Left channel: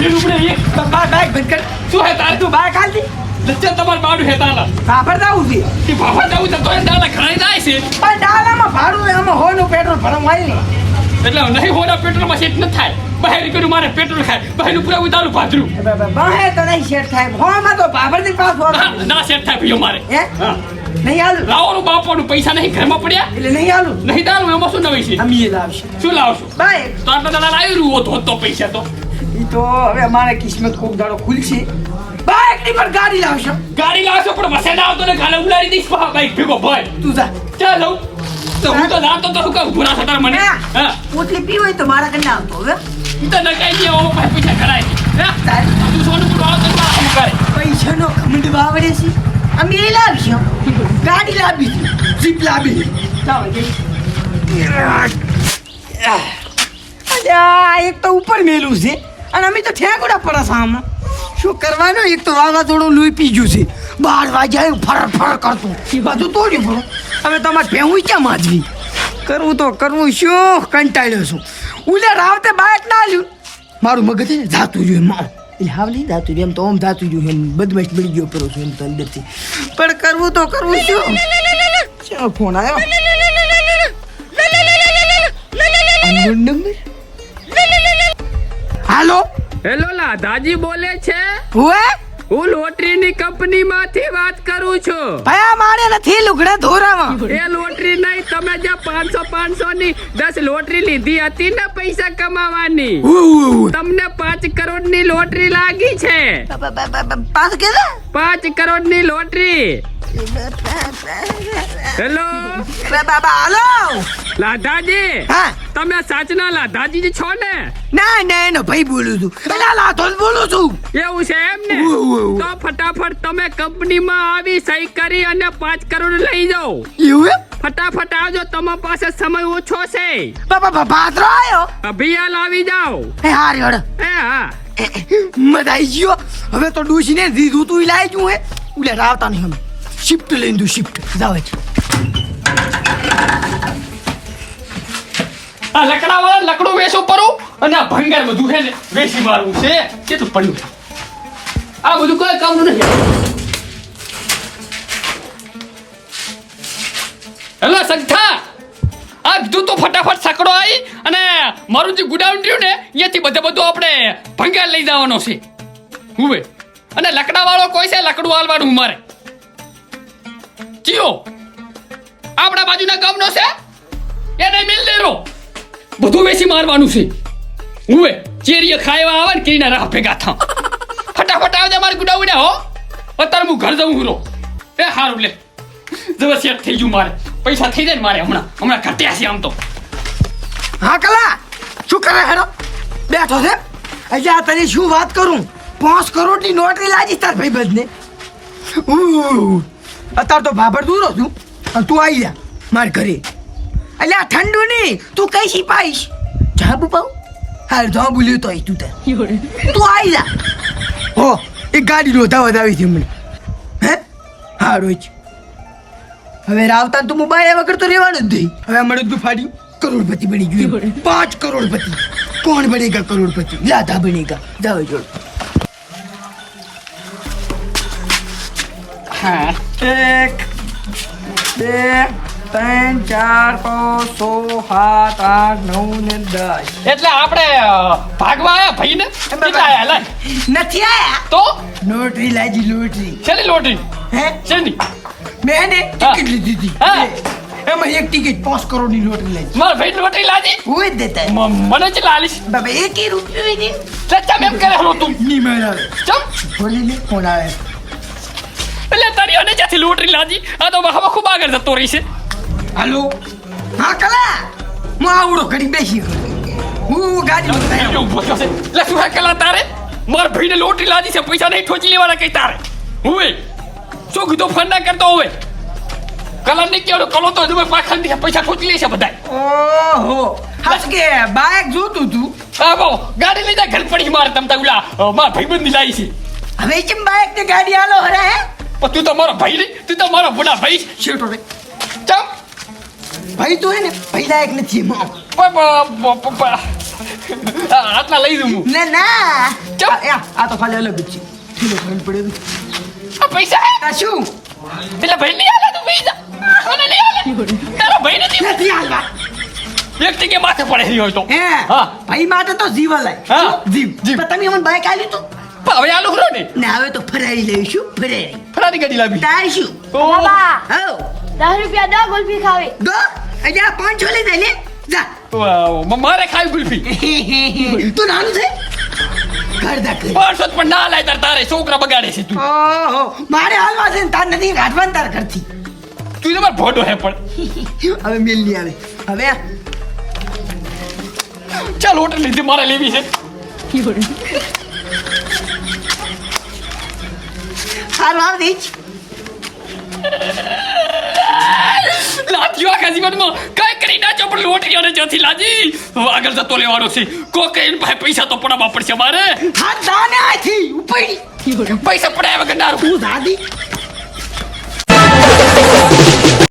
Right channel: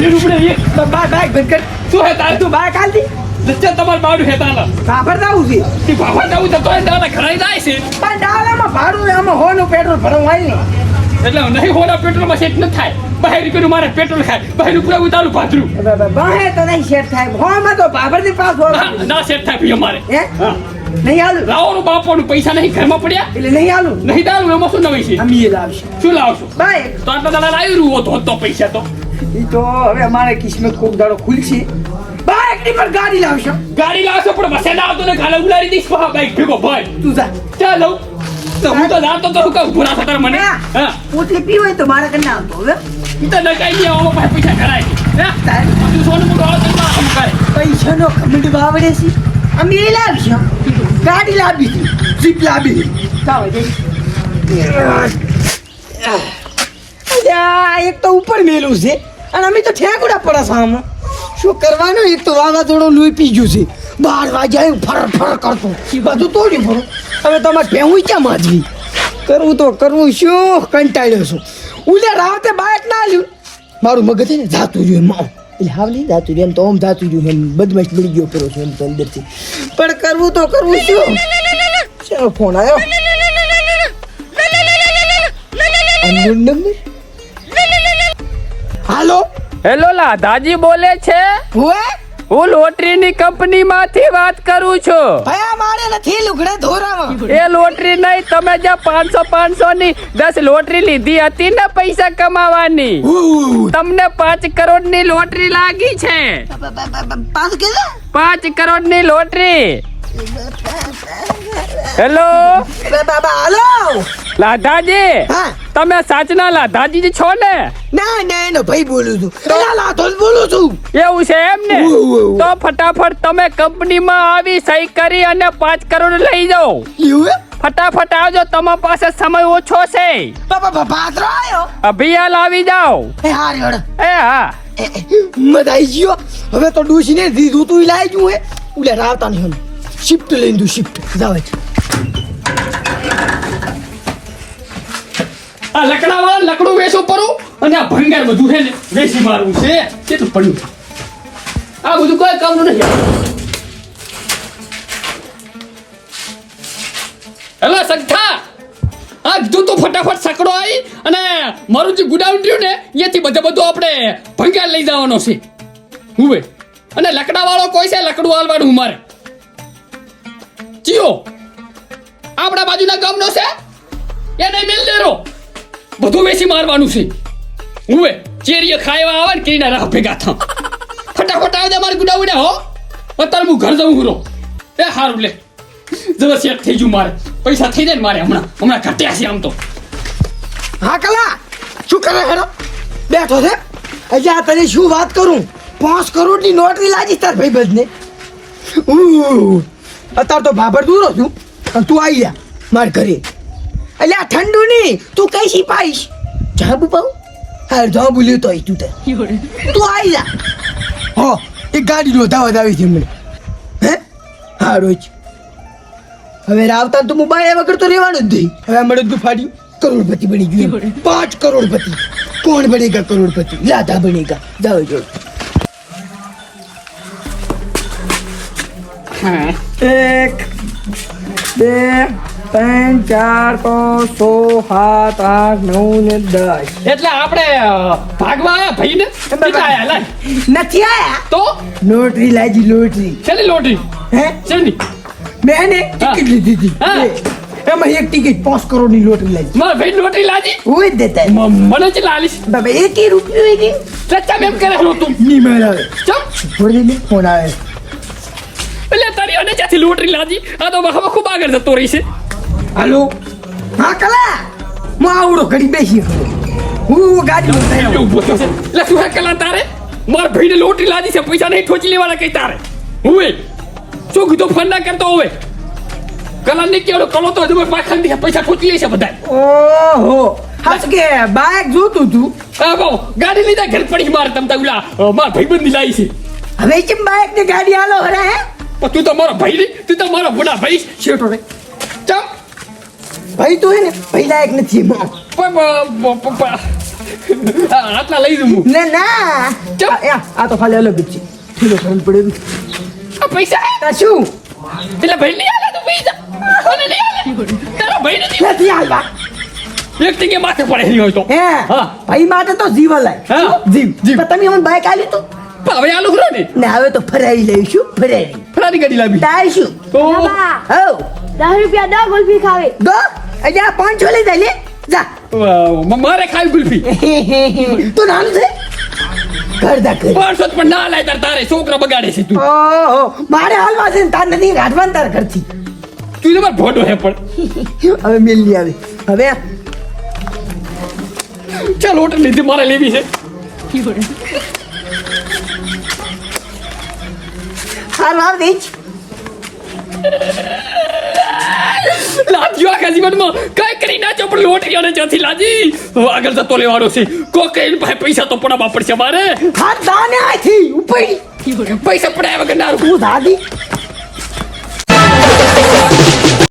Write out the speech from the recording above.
બેન ઉપડે એક બાઈક બંધ કર. શું હે તારે? તું બાઈક હાલતી લચ્ચા તમારું બાડું હે તાલા કાફર જાવું છે કે બાફા જાવું તો એ ડાલા ઘરાઈ જાય છે પણ ડાલામાં ભાડું ને આમાં હોનું પેટ્રોલ ભરવા આવી એટલે નહીં હોના પેટ્રોલમાં સેટ ન થાય બહાર રૂપિયાનું મારે પેટ્રોલ ખાય બહાર રૂપિયા ઉતારું પાથરું બહે તો નહીં સેટ થાય હોમાં તો બાબરની પાસ ના સેટ થાય ભઈ અમારે હે નહીં આલું લાવવાનું બાપોનું પૈસા નહીં ઘરમાં પડ્યા એટલે નહીં આલું નહીં દાલું એમાં શું નવી છે અમે લાવશું શું લાવશો બાઈક તો આટલા દાડા લાવી રહ્યું તો પૈસા તો ઈ તો હવે અમારે કિસ્મત ખૂબ દાડો ખુલશે બાઈક ની પર ગાડી લાવશો પણ મસે ના આવતો ને ગાલે ઉલાડી દઈશ બાઈક ભેગો ભાઈ તું જા ચાલો તો હું તો જાતો તો હું કહું ભૂરા સતાર મને હા પોટલી પી હોય તો મારા કને આવતો હવે ઈ તો નકાઈ દે આમાં પાસે પૈસા ઘરાય હે તું સોનું મોટો આવતો કામ કરે પૈસાનો ખમંડ વાવડે છે અમે એ લાવશું ગાડી લાવી જીપ લાવી ચાલો જઈ અલ્યા એક તો ઉપર મેલું છે અને અમે તો ઠેકડા પડે સામે શું કરવાનું એક તો વાવાઝોડું લોહી પી ગયું છે 12 વાગ્યા ફર કરતું બધું તોડ્યું પડું હવે તમારે ભેહું ક્યાં માજવી કરવું તો કરવું શું કંટાળ્યો છું ઉલે રાવતે બાઈક ના લ્યું મારું મગજ છે ને જાતું રહ્યું એમ એટલે હાવ નહીં જાતું રહ્યું એમ તો આમ જાતું રહ્યું એમ બદમાશ બળી ગયો કરો છું એમ તો અંદરથી પણ કરવું તો કરવું શું ફોન આવ્યો હાલો હેલો લાધાજી બોલે છે હું લોટરીની કંપની માંથી વાત કરું છું ભયા મારે નથી લુગડે ધોરામાં એ લોટરી નહીં તમે જે 500 ની 10 લોટરી લીધી હતી ને પૈસા કમાવાની તમને 5 કરોડ ની લોટરી લાગી છે 5 કરોડ ની લોટરી હેલો હાલો લાધાજી તમે સાચના લાધાજી છો ને ના એનો ભાઈ બોલું છું લાધો બોલું છું એવું છે એમ ને તો ફટાફટ તમે કંપનીમાં આવી સહી કરી અને 5 કરોડ લઈ જાઓ એવું ફટાફટ આવજો તમારી પાસે સમય ઓછો છે ભાદરો આવ્યો અભિયાલ આવી જાઓ એ હા મજા આવી ગયો હવે તો ડૂસીને દીધું તું લાવી જુએ ઉલે રાવતા નહીં અમે શિફ્ટ લઈને દઉં શિફ્ટ જાવ છે આ લકડાવાળા લકડું વેચું પડું અને આ ભંગાર બધું છે ને વેચી મારવું છે કેટલું પડ્યું આ બધું કોઈ કામનું નથી હેલો સંખા આ કીધું તું ફટાફટ સકડો આવી અને મારું જે ગુડાઉન રહ્યું ને અહીંયાથી બધું આપણે ભંગાર લઈ જવાનો છે હું અને લકડાવાળો કોઈ છે લકડું હાલવાનું મારે ચિયો આપણા બાજુના ગામનો છે એને મિલ દેરો બધું વેચી મારવાનું છે હુંએ ચેરીએ ખાવા આવે ને કીના રાહ ભેગા થા ફટાફટ આવજે મારી ગુડાઉને હો અત્યારે હું ઘર જઉં હુરો એ હારું લે જબર સેટ થઈ ગયું મારે પૈસા થઈ જાય ને મારે હમણાં ઘટ્યા છે આમ તો હા કલા શું કરે હેરો બેઠો છે અજા તને શું વાત કરું 5 કરોડની નોટરી લાજી તાર ભાઈ બધને અત્યારે તો ભાભર દૂરો છું અને તું આવી જા માર ઘરે એટલે આ ઠંડુ નહીં તું કઈ સિપાઈશ જાબુ પાઉ હા જાબુ લ્યો તો તું આવી જા હો એક ગાડી રોધાવા આવી છે મને હે હા રોજ હવે રાવતા તો મોબાઈલ વગર તો રહેવાનું જ નહીં હવે મળે તું ફાડ્યું કરોડપતિ બની ગયું 5 કરોડપતિ કોણ બનેગા કરોડપતિ રાધા બનેગા જાઓ જો હા 1 2 3 4 5 6 7 8 9 ને 10 એટલે આપણે ભાગવા આયા ભાઈને કેટલા આયા લાય નથી આયા તો લોટરી લાજી લોટરી છેલ્લી લોટરી હે છેલ્લી મેં ટિકિટ લીધી હતી હા. એમાં એક ટિકિટ 5 કરોડની લોટરી લાજી મારા ભાઈ લોટરી લાજી હું જ દેતા મને કેટલા આલીશ બાબા 1 રૂપિયો નહીં સચ્ચા મેમ કરે હલો તું ની મેળ આવે ચમ છોડી દે ફોન આવે એટલે તારી અને ત્યાંથી લોટરી લાજી આ તો હવે ખૂબ આગળ જતો રહી છે હાલો હા કલા હું આવડો ઘડી બેસી કરે હું ગાડી ઉતાર્યો ઉભો થશે લે શું હે કલા તારે મારા ભાઈને લોટરી લાજી છે પૈસા નહીં ઠોચી લેવાના કઈ તારે હુએ શું કીધું ફોન ના કરતો હોય કલા ને કેવો કલો તો હજુ પાખંડ દે પૈસા ઠોચી લેશે બધા ઓહો હાસ કે બાઈક જોતું તું આ બો ગાડી લીધા ઘર પડી માર તમ તા ઉલા મારા ભાઈબંધ લાવી છે હવે કેમ બાઈક ને ગાડી હાલો હરે હે પણ તું તો મારો ભાઈ નહીં તું તો મારો બડા ભાઈ શેઠો રે ચમ ભાઈ તો હે ને ભાઈ લાયક નથી આટલા લઈ દઉં હું. ના ના ચમ. આ તો ખાલી અલગ જ છે ઠીલો ભરવું પડે બી. આ પૈસા હે? તા શું પેલા ભાઈ લઈ આલે તું પૈસા મને લઈ આલે તારો ભાઈ નથી નથી હાલવા એક જગ્યાએ માથે પડે નહીં હોય તો હે હા. ભાઈ માટે તો જીવ હલાય હા. શું? જીવ પણ તમે મને બાઈક આલ્યું તું પણ હવે આલું ખરો ને ને હવે તો ફરારી લઈશું ફરારી ફરારી ગાડી લાવી તાર શું તો બાબા હો 10 રૂપિયા દો ગુલ્ફી ખાવી ગો અજા 5 લઈ જાય લે જા વાવ, મારે ખાવી ગુલ્ફી તું નાનું છે કરદા કર 500 પણ ના લાય તારે છોકરા બગાડે છે તું ઓહો મારે હાલવા છે ને તાર નથી કાઢવાનું તાર કરતી તું તો માર ભોડો હે પણ હવે મેલ ની આવે હવે ચાલ હોટલ લીધી મારે લેવી છે હારું આવ દે લાજ્યો આખા જીવનમાં કઈ કરી નાચો પણ લોટરી અને ત્યાંથી લાજી હવે આગળ જતો લેવાનો છે કોકઈ ભાઈ પૈસા તો પડાવવા પડશે મારે હાથ દાને આથી ઉપડી પૈસા પડાયા વગર ના તું દાદી